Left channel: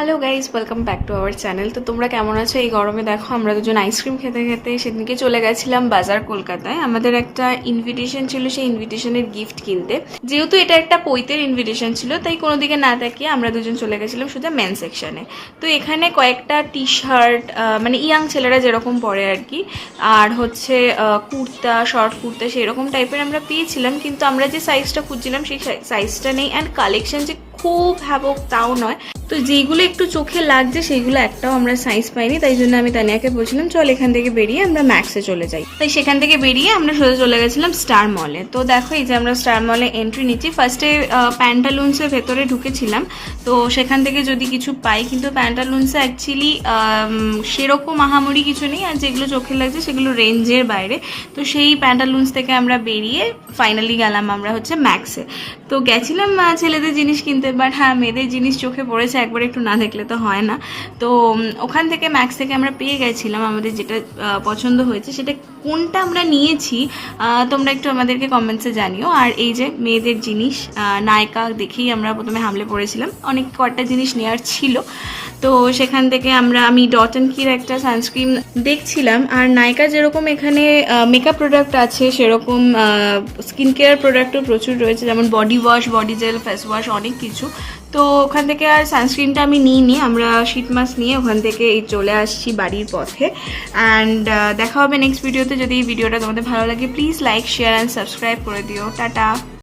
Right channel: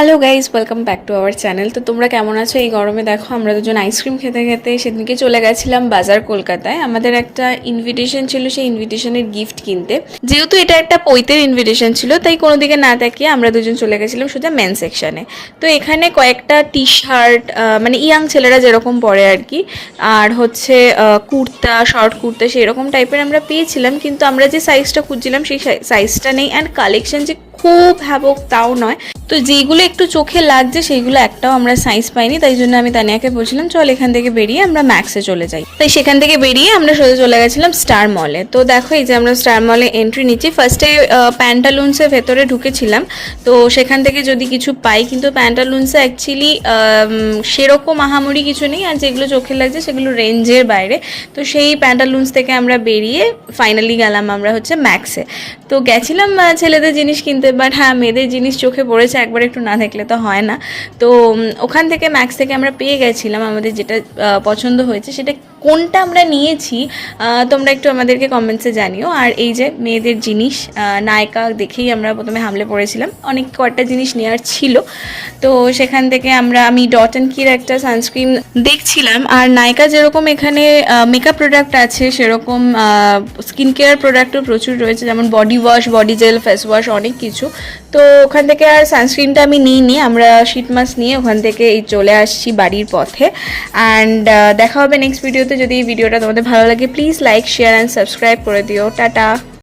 Hello guys, welcome back to our channel. তো তোমরা কেমন আছো? এই গরমে দেখো আমরা দুজন আইসক্রিম খেতে খেতে সেদিনকে চলে গেছিলাম বাজার কলকাতায়। আমাদের একটা ইনভিটেশন ছিল, সেই ইনভিটেশনের গিফট কিনতে। যেহেতু এটা একটা পৈতের ইনভিটেশন ছিল, তাই কোনো দিকে না তাকিয়ে আমরা দুজন চলে গেছিলাম সোজা মেন সেকশনে। তো এখানে কয়েকটা টি শার্ট, মানে ইয়াং ছেলেরা যেরকম পরে আর কি, আর হচ্ছে কুর্তা, শর্ট কুর্তা সেরকম টাইপের আমরা পেয়েছিলাম। কিন্তু আমরা যে সাইজটা খুঁজছিলাম সেই সাইজটা নেই, অ্যান্ড কালেকশন যে খুব হ্যাবক তাও নয়। তো যেইগুলো একটু চোখে লাগছে সেইগুলো একটাও আমরা সাইজ পাইনি, তাই জন্য আমি তানিয়াকে বলছিলাম চল এখান থেকে বেরিয়ে আমরা ম্যাক্সে চলে যাই। তাই সেখান থেকে বেরিয়ে আমরা সোজা চলে গেছিলাম স্টার মলে। তো দেখো এই যে আমরা স্টার মলে এন্ট্রি নিচ্ছি। ফার্স্টে প্যান্টালুন্সের ভেতরে ঢুকেছিলাম, তো সেখান থেকে যদি কিছু পাই, কিন্তু প্যান্টালুন্সে অ্যাকচুয়ালি সেরকম আহামরি কিছু নেই, আর যেগুলো চোখে লাগছে সেগুলো রেঞ্জের বাইরে। তো সেই প্যান্টালুন্স থেকে আমরা বেরিয়ে ফাইনালি গেলাম আমরা হচ্ছে ম্যাক্সে। তো গেছিলাম ছেলেদের জিনিস কিনতে, বাট হ্যাঁ মেয়েদের জিনিস চোখে পড়েছে, একবার একটু না দেখলে তো হয় না। তো ওখান থেকে ম্যাক্স থেকে আমরা পেয়ে গেছিলাম আমাদের যেটা পছন্দ হয়েছে। সেটা কোনটা আমরা নিয়েছি তোমরা একটু আমাদেরকে কমেন্টসে জানিও। আর এই যে মেয়েদের জিনিস, নায়িকা দেখেই আমরা প্রথমে হামলে পড়েছিলাম, অনেক কয়েকটা জিনিস নেওয়ার ছিল। তো সেখান থেকে আমি ডট অ্যান্ড কির একটা সানস্ক্রিন দেখছিলাম। আর নায়িকা যেরকম এখানে মেকআপ প্রোডাক্ট আছে, সেরকম স্কিন কেয়ার প্রোডাক্টও প্রচুর রয়েছে, যেমন body wash, body gel, face wash, অনেক কিছু। তো ওখান থেকে আর সানস্ক্রিনটা আমি নিইনি, আমরা শীট মাস্ক নিয়ে ওখান থেকে এই চলে আসছি বাড়ির পথে। অ্যান্ড দেখা হবে নেক্সট ভিডিওতে। যদি এই ভিডিওটা তোমাদের ভালো লাগে please like, share and subscribe করে দিও। টাটা।